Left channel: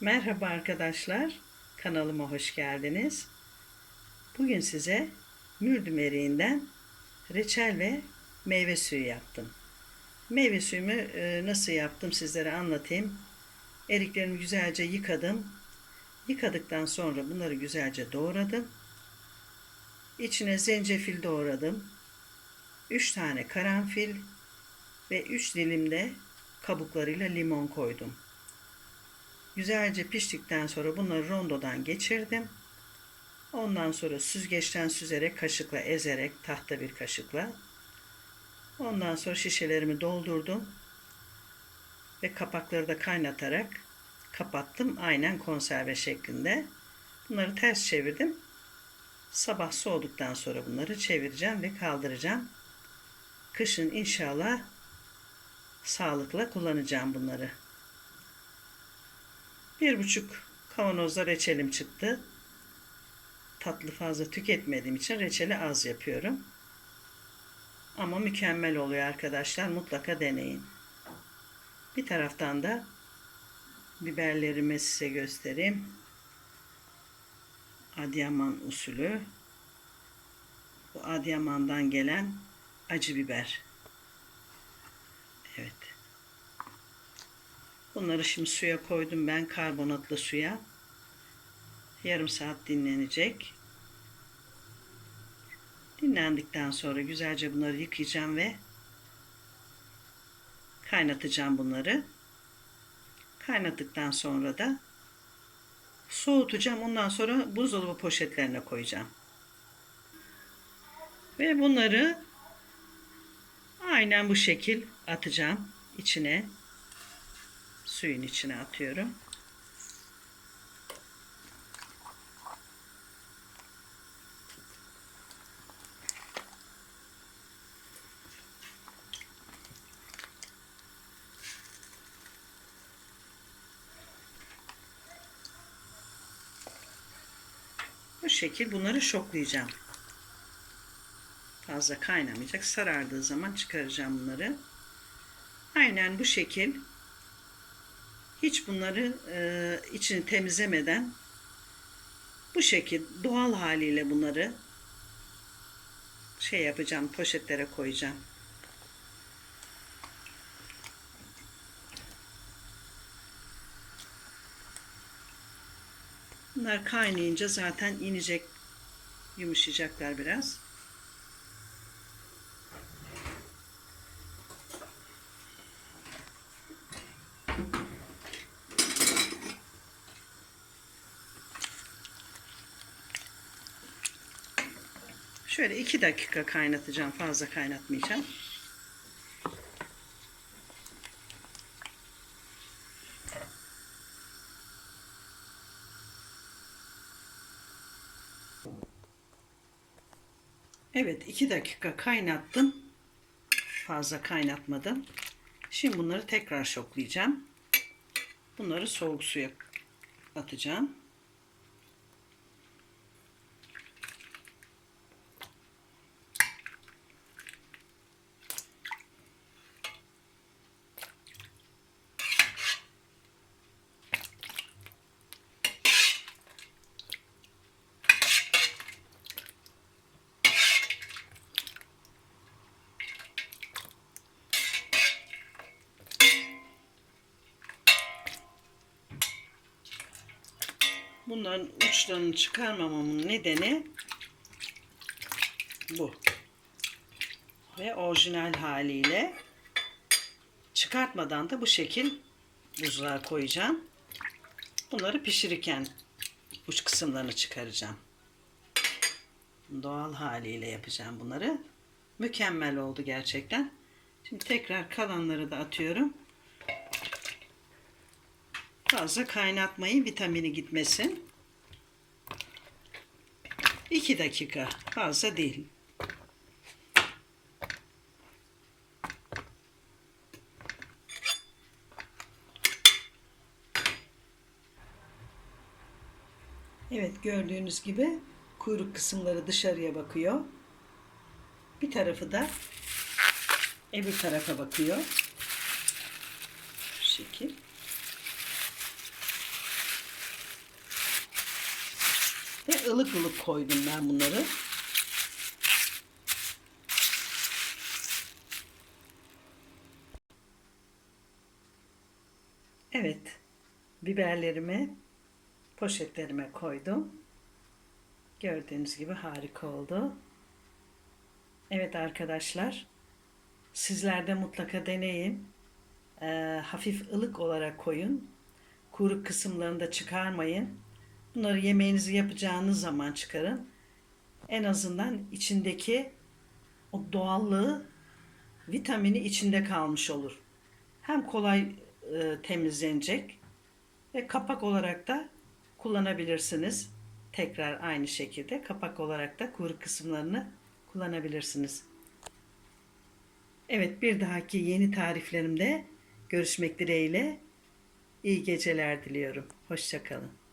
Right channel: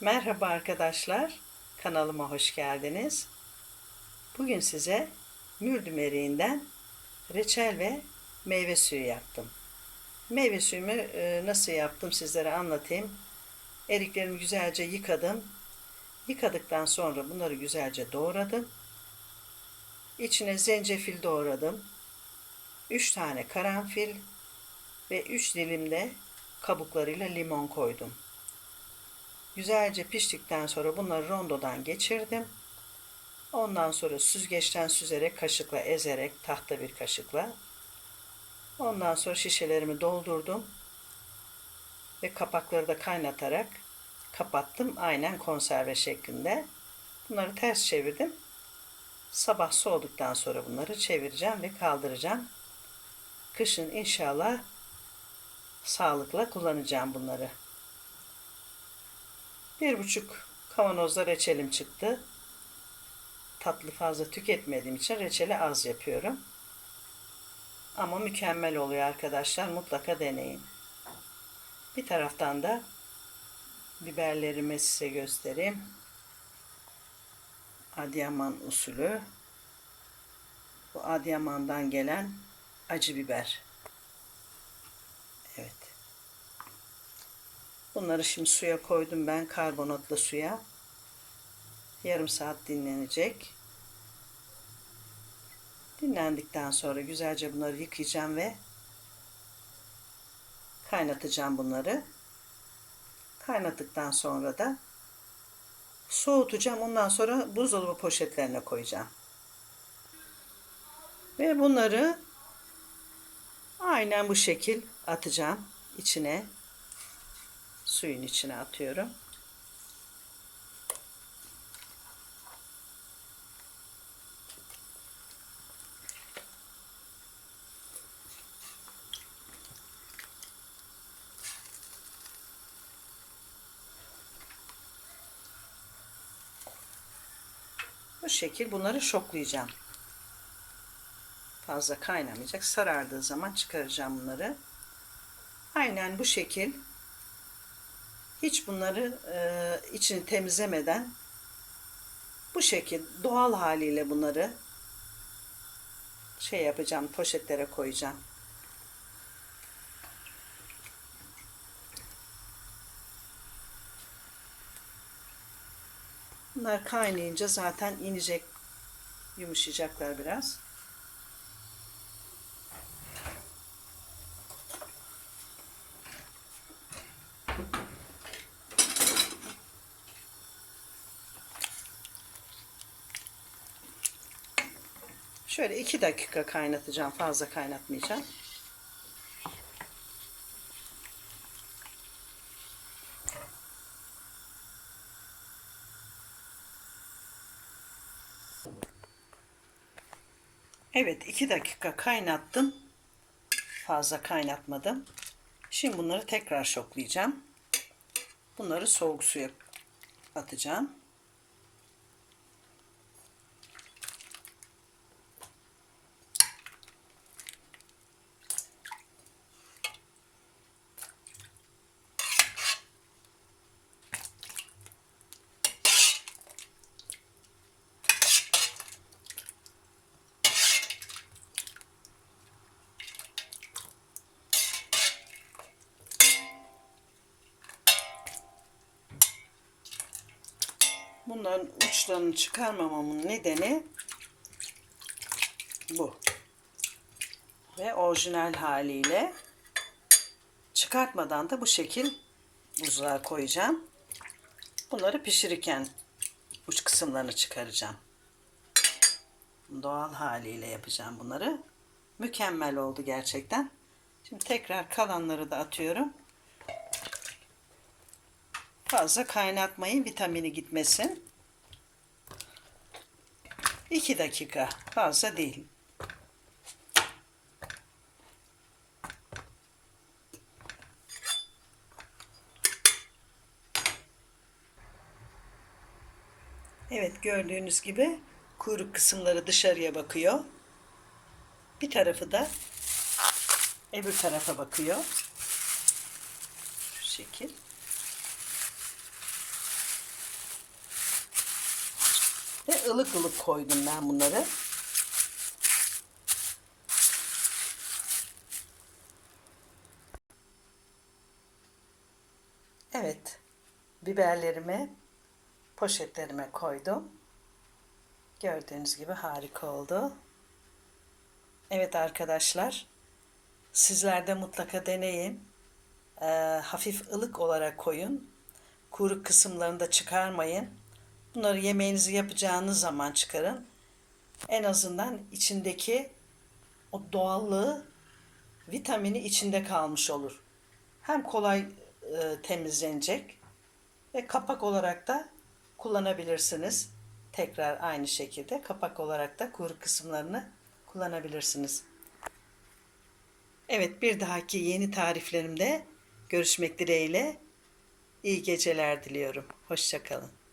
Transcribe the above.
Merhaba arkadaşlar, kanalıma hoş geldiniz. Bugün size mürdüm eriğinden reçel ve meyve suyu yaptım. Meyve suyumu e, nasıl yaptım sizlere anlatayım. Eriklerimi güzelce yıkadım. Yıkadıktan sonra bunları güzelce doğradım. İçine zencefil doğradım. 3 tane karanfil ve 3 dilim de kabuklarıyla limon koydum. Güzelce piştikten sonra bunları rondodan geçirdim. Ondan sonra süzgeçten süzerek kaşıkla ezerek tahta bir kaşıkla. Ondan sonra şişelerimi doldurdum. Ve kapakları da kaynatarak kapattım. Aynen konserve şeklinde. Bunları ters çevirdim. Sabah soğuduktan sonra bunları çevireceğim ve kaldıracağım. Kışın inşallah sağlıkla kullanacağım bunları. Bir buçuk kavanozda reçelim çıktı. Tatlı fazla tüketmediğim için reçeli az yapıyorum. Ama mükemmel oluyor arkadaşlar. Mutlaka deneyin. Bir taraftan da biberlerimi size göstereyim. Adıyaman usulü. Bu Adıyaman'dan gelen acı biber. Evet. Bunları şimdi suya koydum ben karbonatlı suya. Yarım saat dinlenecek. Dinlendikten sonra güzelce bunları yıkayacağım ve kaynatacağım bunları. Kaynattıktan sonra da soğutacağım. Ondan sonra buzdolabı poşetlerine koyacağım. Ve bunları aynen bu şekil atacağım içine suyun içine atıyorum. Bu şekil bunları şoklayacağım. Fazla kaynamayacak. Sarardığı zaman çıkaracağım bunları. Aynen bu şekil hiç bunları e, içini temizlemeden bu şekil doğal haliyle bunları şey yapacağım poşetlere koyacağım. Bunlar kaynayınca zaten inecek yumuşayacaklar biraz. Şöyle iki dakika kaynatacağım. Fazla kaynatmayacağım. Evet iki dakika kaynattım. Fazla kaynatmadım. Şimdi bunları tekrar şoklayacağım. Bunları soğuk suya atacağım. Bunların uçlarını çıkarmamamın nedeni bu. Ve orijinal haliyle çıkartmadan da bu şekil buzluğa koyacağım. Bunları pişirirken uç kısımlarını çıkaracağım. Doğal haliyle yapacağım bunları. Mükemmel oldu gerçekten. Şimdi tekrar kalanları da atıyorum. Fazla kaynatmayın vitamini gitmesin. 2 dakika fazla değil. Evet gördüğünüz gibi kuyruk kısımları dışarıya bakıyor. Bir tarafı da öbür tarafa bakıyor. Şu şekil. Ilık ılık koydum ben bunları. Evet. Biberlerimi poşetlerime koydum. Gördüğünüz gibi harika oldu. Evet arkadaşlar. Sizler de mutlaka deneyin. Ee, hafif ılık olarak koyun. Kuru kısımlarını da çıkarmayın. Bunları yemeğinizi yapacağınız zaman çıkarın. En azından içindeki o doğallığı, vitamini içinde kalmış olur. Hem kolay e, temizlenecek ve kapak olarak da kullanabilirsiniz. Tekrar aynı şekilde kapak olarak da kuru kısımlarını kullanabilirsiniz. Evet bir dahaki yeni tariflerimde görüşmek dileğiyle iyi geceler diliyorum. Hoşçakalın.